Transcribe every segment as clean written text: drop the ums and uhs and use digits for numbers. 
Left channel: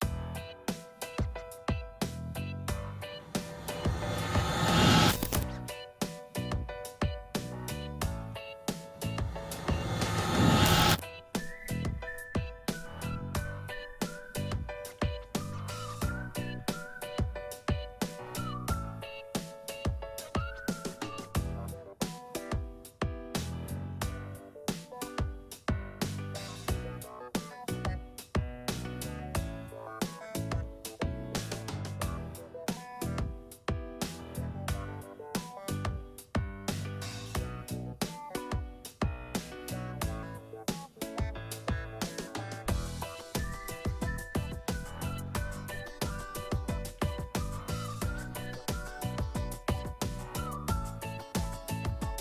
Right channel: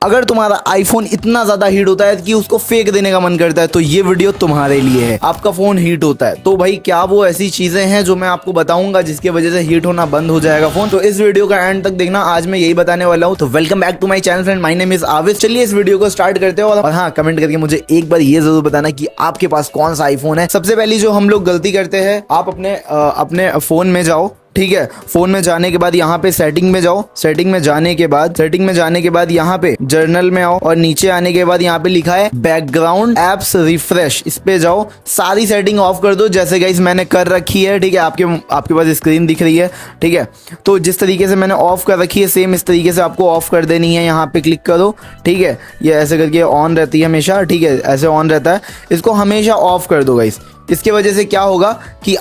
अगर तुम्हारा आईफोन इतना ज्यादा हीट होता है कि उसको फेंक देने का मन करता है तो ये वीडियो तुम्हारे लिए है। आपका फोन हीट होता है तो भाई क्या वो ऐसी चीजें हैं जो मैं आपको बताऊंगा जिसकी वजह से हीट होना बंद हो जाएगा फोन। तो इस वीडियो का एंड तक देखना, आज मैं यही बताने वाला हूँ। तो welcome back to my channel friend, my name is Avish. चलिए इस वीडियो को स्टार्ट करते हो और हाँ, कमेंट करके मुझे एक बार ये जरूर बताना कि आपके पास कौन सा आईफोन है। सबसे पहली जो हम लोग गलती करते हैं, आप अपने फोन में जाओ, ठीक है। फोन में जाने के बाद यहाँ पे सेटिंग में जाओ, सेटिंग में जाने के बाद यहाँ पे जर्नल में आओ और नीचे आने के बाद यहाँ पे लिखा है बैकग्राउंड एप्स रिफ्रेश, इस पे जाओ, सारी सेटिंग ऑफ कर दो जैसे गाइस मैंने कर रखी है, ठीक है। आपके पास स्क्रीन दिख रही है, ठीक है। तो जिस तरीके से मैंने ऑफ कर रखी है सेम इस तरीके से आपको ऑफ कर देनी है। यहाँ पे क्लिक करो, ठीक है। ये ऐसे करके ऑन रहती है हमेशा, ठीक है, ऐसे ऑन रहता है। इसको हमेशा ऑफ कर दो गाइस। इसके वजह से क्या होगा कि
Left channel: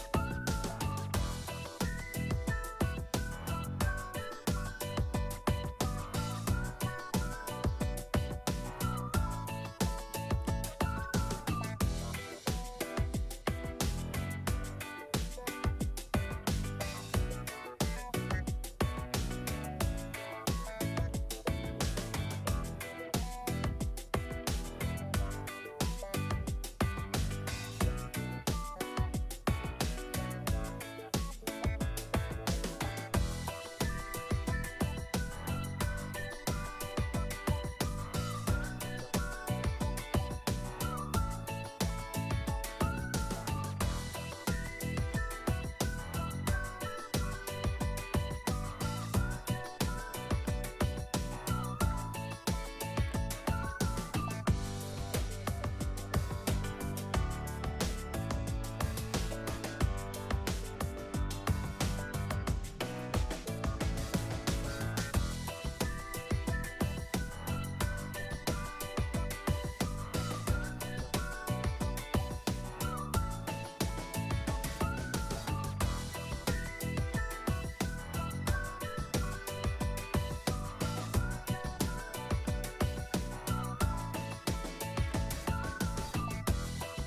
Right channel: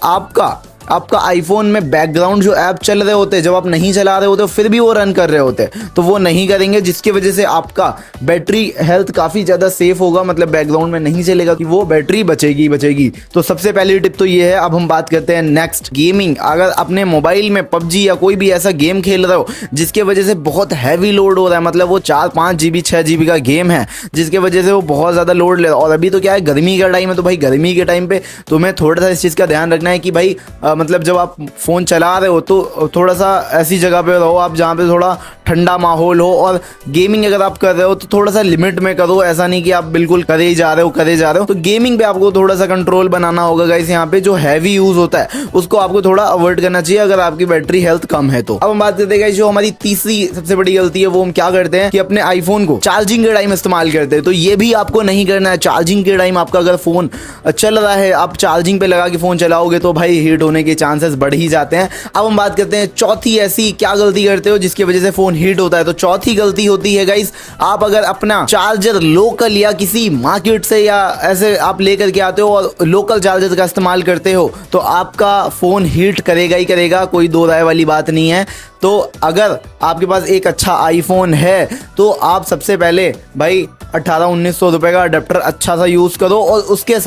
आपका आईफोन में बैकग्राउंड जो ऐप चल रहे होते हैं, जब आप नहीं चला रहे होते फिर भी वो रन कर रहे होते हैं, तो वो नहीं करेंगे, जिसकी वजह से आपका बैटरी हेल्थ काफ़ी ज़्यादा सेफ होगा। मतलब बैकग्राउंड में नहीं चलेगा कि वो बैटरी बचेगी। तो सबसे पहली टिप तो ये है। अब हम बात करते हैं नेक्स्ट, गेमिंग। अगर अपने मोबाइल में पबजी या कोई भी ऐसा गेम खेल रहे हो जिसके वजह से बहुत हैवी लोड हो रहा है, मतलब वो 4-5 GB 6 GB का गेम है जिसकी वजह से वो बहुत ज़्यादा लोड ले रहा है, और अभी तो क्या है, गर्मी का टाइम है, तो भाई गर्मी के टाइम पे तुम्हें थोड़ा सा इस चीज़ का ध्यान रखना है कि भाई मतलब जब आप फ़ोन चला रहे हो तो थोड़ा सा ऐसी जगह पे रहो आप जहाँ पे थोड़ा ठंडा माहौल हो, और गेमिंग अगर आप कर रहे हो तो थोड़ा सा लिमिट में करो। ऐसा नहीं कि आप बिल्कुल करे ही जा रहे हो। तो गेमिंग पे आपको थोड़ा सा कंट्रोल बनाना होगा गाइस। यहाँ पे जो हैवी यूज़ होता है उसको आपको थोड़ा अवॉइड करना चाहिए अगर आपकी बैटरी हेल्थ कम है तो। अब हम बात करते हैं गाइस, जो हमारी तीसरी सबसे बड़ी गलती है वो हम क्या करते हैं कि अपने आईफोन को चार्जिंग के टाइम इस्तेमाल करते हैं। तो ये भी आपको नहीं करना है। चार्जिंग के टाइम आपका अगर फ़ोन चल रहा है, आप चार्जिंग पे लगा के फ़ोन चलाओगे तो भाई हीट होने के चांसेस बढ़ ही जाते हैं। अब हम बात करते हैं चौथी ऐसी क्या गलती करते हो जिसकी वजह से फ़ोन हीट होता है। तो चौथी गलती होती है गाइस, आप अगर अपना चार्जर लोकल या किसी मार्केट से या ऐसे आप लेकर के आते हो और लोकल चार्जर का इस्तेमाल करते हो तो आपका फ़ोन हीट करेगा ही करेगा, कोई दो राय वाली बात नहीं है। तो अगर आपके पास एक अच्छा आईफोन है तो आप सबसे पहले भाई 1800-1900 रुपए का अडेप्टर अच्छा सा यूज़ करो, और उसके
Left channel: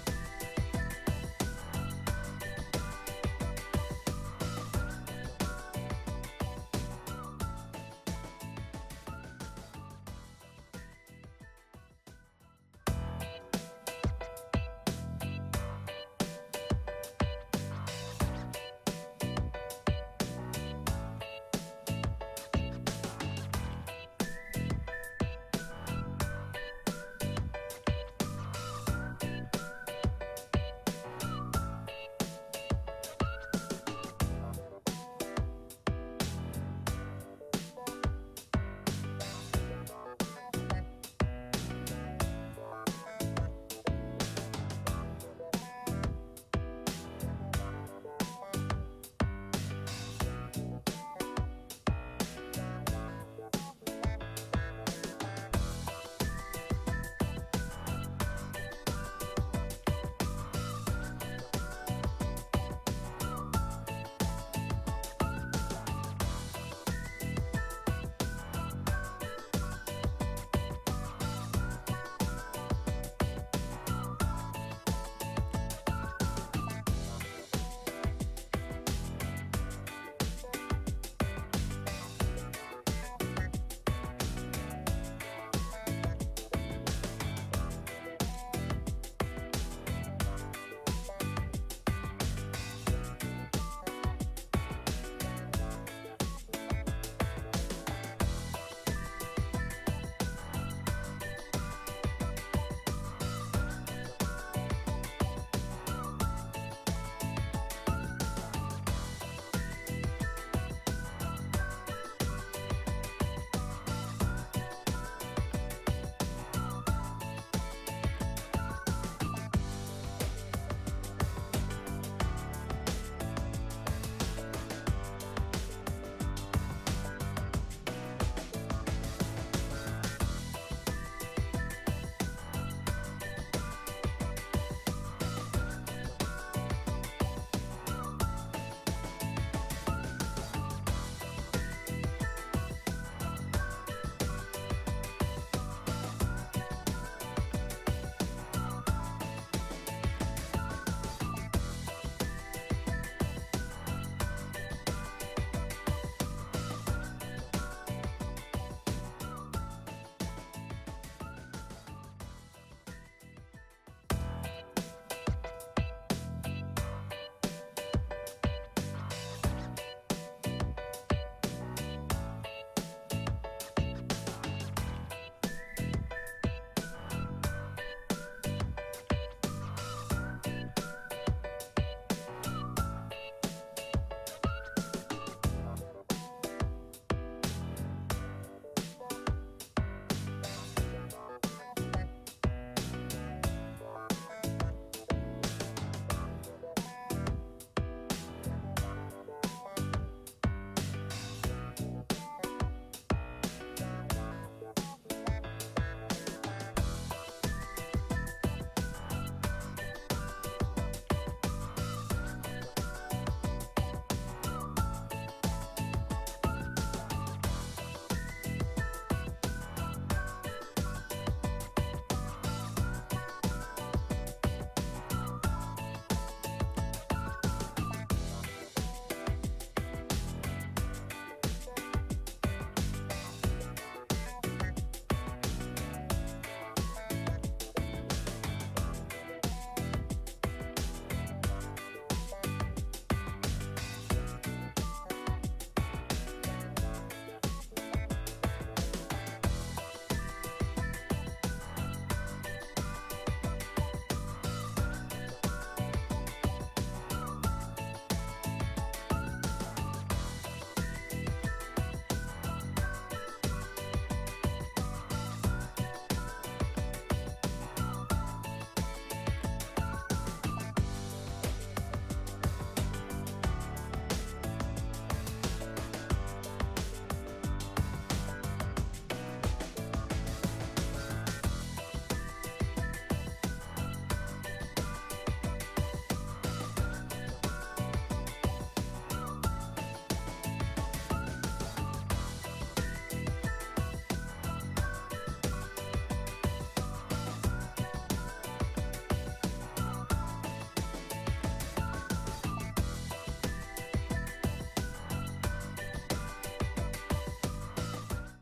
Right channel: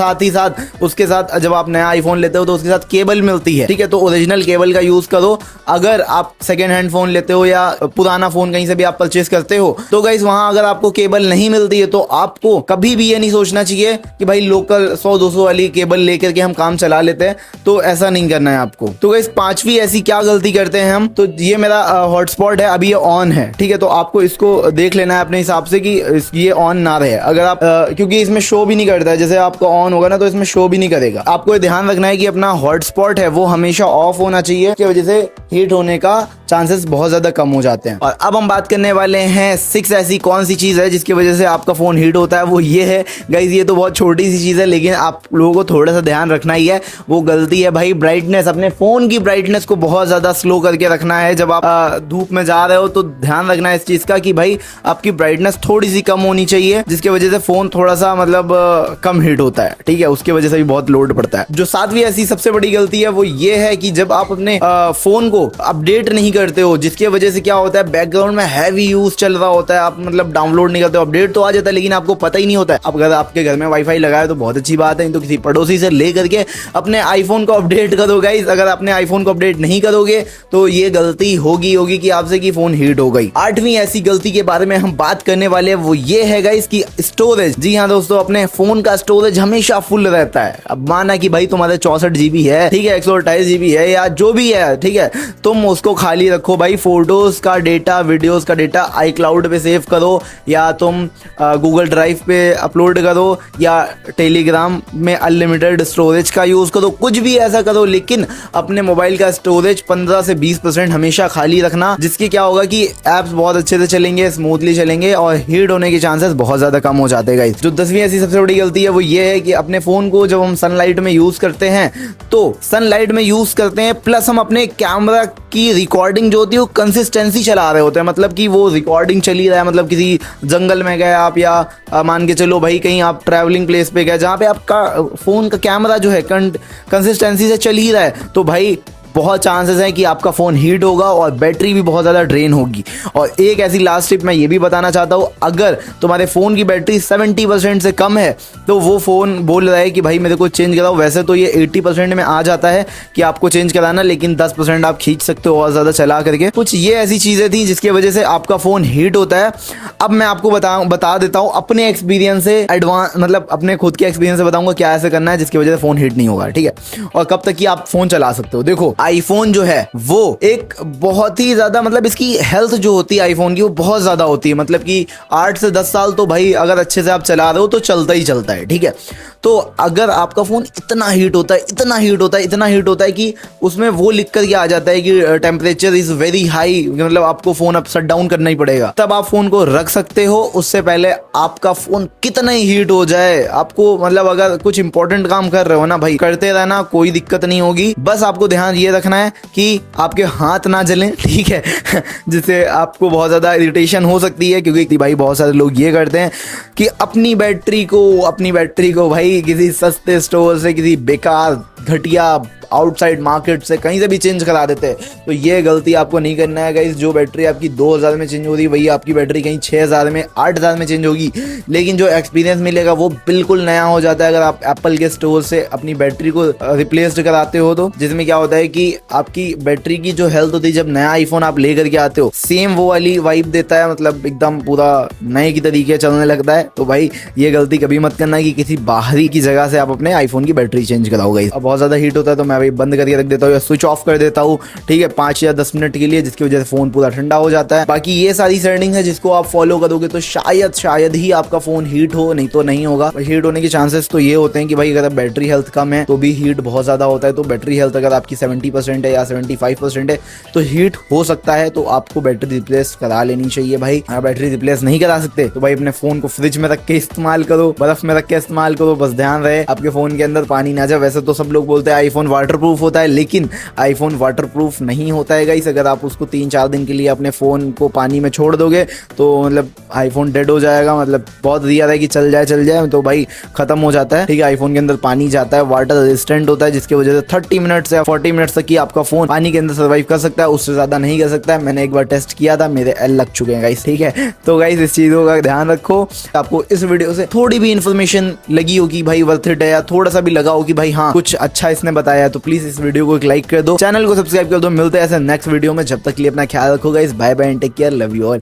साथ जब आप नया आईफोन लेते हो तो उसके साथ केबल मिलती है, ठीक है। तो ओरिजिनल केबल का यूज़ करो। अगर आप सेकेंड हैंड फ़ोन लेते हो या पुराना फ़ोन कहीं से भी आप परचेस करते हो तो गाइस वहाँ अगर आपको केबल नहीं मिलती है तो आपको कभी भी ये नहीं सोचना चाहिए कि भाई लोकल 100-200 वाली केबल लेकर के हम काम चला लेते हैं, तो ऐसा नहीं करना है आपको। तो गाइस पांचवी ऐसी क्या गलती करते हैं हम, तो ये मेरा हॉटस्पॉट है, अभी ये ऑन है, ठीक है। तो आपको इसको देख लेना है अपने हिसाब से कि ये ऑन ना रहे। अगर आप क्योंकि इसमें शो भी नहीं करता है, जैसे आपका ऑन होगा ना तो इसमें शो भी नहीं करेगा। आपको ये ध्यान रखना है कि अपना हॉटस्पॉट है वो हमेशा ऑफ होना चाहिए, इसकी वजह से हीट होने का चांसेस बहुत ज्यादा कम हो जाते हैं। और अब हम बात करने वाले हैं 6 ऐसी कौन सी चीज है जिसकी वजह से आपका फोन हीट होता है। वो ये है गाइस, ये तो बहुत छोटी सी चीज है लेकिन आप लोगों को थोड़ा सा ध्यान रखना ही है। वो गलती है भाई ब्राइटनेस। अपने फोन की ब्राइटनेस को बहुत ज्यादा स्लो करके रखना है। जब आप धूप में जा रहे हो तो ध्यान रखना है इस चीज का कि भाई आपकी ब्राइटनेस थोड़ी सी कम होनी चाहिए, जिसकी वजह से फोन थोड़ा सा मतलब कम हीट होता है, ठीक है। उसकी वजह से भी बहुत लोड पड़ता है। जो सातवीं ऐसी सबसे बड़ी गलती है वो ये है कि जब आप अपने फोन को अपडेट नहीं करते हो, जिसकी वजह से क्या होता है, बैकग्राउंड में हैवी यूज चल रहा होता है, आप मतलब डाउनलोड नहीं करते हो, अपडेट तो आ जाता है लेकिन आपको पता ही नहीं होता है। अब अगर आपके घर में वाईफाई लगा है तो बहुत अच्छी बात है, तो किसी पड़ोसी से ले करके अपने आईफोन को अपडेट करो गाइस। अगर अपने आईफोन को अपडेट नहीं करोगे तो ये गलती होगी कि आपसे कि फोन हीट हो गई। आठवीं ऐसी गलती के बारे में हम बात करने वाले हैं वो ये है गाइस कि स्टोरेज। जी हाँ दोस्तों, अपने फोन का स्टोरेज हमेशा फुल रहता है। अब माना कि भाई तुम्हारे 64 GB है, ठीक है, 128 GB है या जो भी है, ठीक है, तुम उसको खाली रखो भाई। फोटोज का डेटा, वीडियोस का डेटा iCloud पे सेव करो, या तुम गूगल ड्राइव पे अपलोड करो, या टेलीग्राम में अनलिमिटेड स्टोरेज का यूज़ करो, कुछ भी ऐसा करो, लेकिन अपने मोबाइल का स्टोरेज 15 से 20% हमेशा खाली रखना, जिसकी क्या होगा कि ऐप्स बहुत अच्छे से चलेंगे, स्मूथली चलेंगे और हीट होने के चांसेस बहुत ज़्यादा कम हो जाते हैं गाइस। जो 10वीं ऐसी सबसे बड़ी गलती है वो ये है कि अपने फ़ोन को जब हम सनलाइट में यूज़ करते हैं तो सनलाइट में यूज़ करते हैं, प्लस हम अपने कैमरा की रिकॉर्डिंग जो होती है वो कंसिस्टेंसी चला रहे होते हैं। मतलब कि वो रिकॉर्डिंग चली रहा है, मतलब किसी जंगल में गए आप, या मान के चलो भाई कहीं आप ट्रैवलिंग प्लेस पे गए जहाँ पे आपका फ़ोन का कैमरा जो है कंसिस्टेंसी से चल ही रहा है, तो भाई बहुत चांसेस है कि आपका फ़ोन हीट होगा और बैटरी भी बहुत ज़्यादा ड्रेन होगी। और एक ऐसी लास्ट टिप मैं ये भी बताना चाहता हूँ, अगर तुम्हारे फ़ोन की बैटरी 70% से कम है तो वो फ़ोन बोल रहा है कि भाई मेरे को चेंज कराओ। वैसे तो ये 80% में आ जाता है कि आपको चेंज कराना, लेकिन 10% आप खींच सकते हो और ज़्यादा चला करके। कुछ ये ऐसी चीज़ें थी जिसकी वजह से आपका फ़ोन हीट होता है। अब मैं आपको बता देता हूँ अपने एक्सपीरियंस से, एडवांस मतलब अपने खुद के एक्सपीरियंस से बताऊंगा क्या ऐसे करना है जिसकी वजह से फ़ोन हीट नहीं होगा, ठीक है। और कब तक कि आप फ़ोन चला सकते हो। देखो आईफोन जो है वो एक बहुत ही ज़्यादा, मतलब इसकी हेल्थ जो होती है आईफोन की वो बहुत ज़्यादा होती है। मतलब कि 8 से 10 साल तो भाई अगर अच्छे से आप चला रहे हो तो चलता ही चलता है, ठीक है। तो अगर आपका फ़ोन इतना हीट होता है, इतना हीट होता है, इतना हीट होता है कि उसमें वो लिख कर के आ जाता है कि टेम्परेचर इज़ वेरी हाई, मतलब आपको फ़ोन अब शट डाउन करना ही पड़ेगा, तब आप फ़ोन को रख सकते हो। उससे पहले आपका फ़ोन कितना ही हीट हो जाए, आपको मतलब अगर कुछ इंपॉर्टेंट काम कर रहे हो ना भाई, करते रहना, कोई दिक्कत नहीं होगी। बस आपको ध्यान ये रखना है कि आपके हाथ ना जलें, ठीक है जिससे आपको बहुत ज़्यादा इरिटेशन हो सकती है, क्योंकि भाई बहुत सारे लोग ये करते हैं कि अपनी बैटरी को भाई किसी सस्ते स्टोर से, किसी बेकार घटिया आउटसाइड मार्केट से कहीं से भी चेंज करा देते हैं। तो ये गलती आपको नहीं करना है गाइस। जो बैटरी आपकी 2000 में चेंज हो रही है वही आपकी बैटरी कहीं 6000 में 8000 में चेंज होगी, लेकिन जो एक्सपीरियंस मिलेगा वो बिल्कुल नया हो जाता है अगर आप एप्पल के स्टोर से अपनी बैटरी को रिप्लेस्ड कराते हो तो। जिसमें क्या होता है कि आपकी बैटरी की जो हेल्थ होती है, जब नया आईफोन आप लेकर के आते हो सेम वो वाली वाइब देता है, मतलब एकदम पूरा नए की तरीके चलने लगता है। तो भाई ये गलती कभी मत करना कि किसी बाहरी की जगह से आप अपने आईफोन की बैटरी चेंज कराओ गाइस। अब बहुत ज़्यादा हीट होता है तो मैं भाई बंद करके रख देता हूँ या स्विच ऑफ कर देता हूँ, ठीक है, 5 या 10 मिनट के लिए, जिसकी वजह से फ़ोन पूरा ठंडा हो जाता है। बाकी ये सारी सेटिंग है जिसको आप फॉलो करोगे तो शायद ही आपका फ़ोन हीट हो, नहीं तो नहीं होगा। हीट होने के चांसेस तो ये होते हैं कि भाई अगर बैटरी हेल्थ कम है तो भी हीट बहुत ज़्यादा होता है। तो बैटरी हेल्थ अगर आपकी 70% है या 75% है तो हीट हो सकता है, तो आपको बैटरी रिप्लेस करा लेनी चाहिए भाई। अगर बैटरी रिप्लेस नहीं करा सकते तो भाई अपने फ़ोन को फ्रिज में रख के इस्तेमाल करो, बर्फ में रख के इस्तेमाल करो, बस ध्यान रहे आपके फ़ोन के अंदर पानी ना जाए। वैसे तो सब लोग बोलते हैं आईफोन वाटरप्रूफ होता है, लेकिन आईफोन वाटरप्रूफ नहीं होता है गाइस। अगर आप उसको 3-4 दिन के लिए अपने फ़ोन को पानी में छोड़ दोगे तो मतलब आईफोन डेड हो जाएगा। मतलब बहुत रियर है कि चल जाए तो भाई ख़त्म हो जाता है, ठीक है। आईफोन के अंदर पानी जाता है, वाटर रेजिस्टेंट होता है, जिसकी वजह से 30 मिनट्स या 40 मिनट्स तक ही आपका फ़ोन पानी के अंदर सर्वाइव कर सकता है, उससे ज़्यादा नहीं कर सकता है। मैंने एक बार टेस्ट किया था, मेरे एल लग चुके हैं गाइस, ठीक है। तो गाइस इस चीज़ों का ध्यान रखो। आपको इस वीडियो से थोड़ी भी इन्फॉर्मेशन लगी हो कि भाई वर्थ इट है, या थोड़ा सा भी लगा हो कि भाई हाँ कुछ अच्छा इसने बताया, तो प्लीज इस वीडियो को एक लाइक कर दो, चैनल को सब्सक्राइब कर दो। मिलते हैं ऐसे नेक्स्ट वीडियो में, जब तक के लिए अपना ख्याल रखो guys. Bye bye and take care, love you all.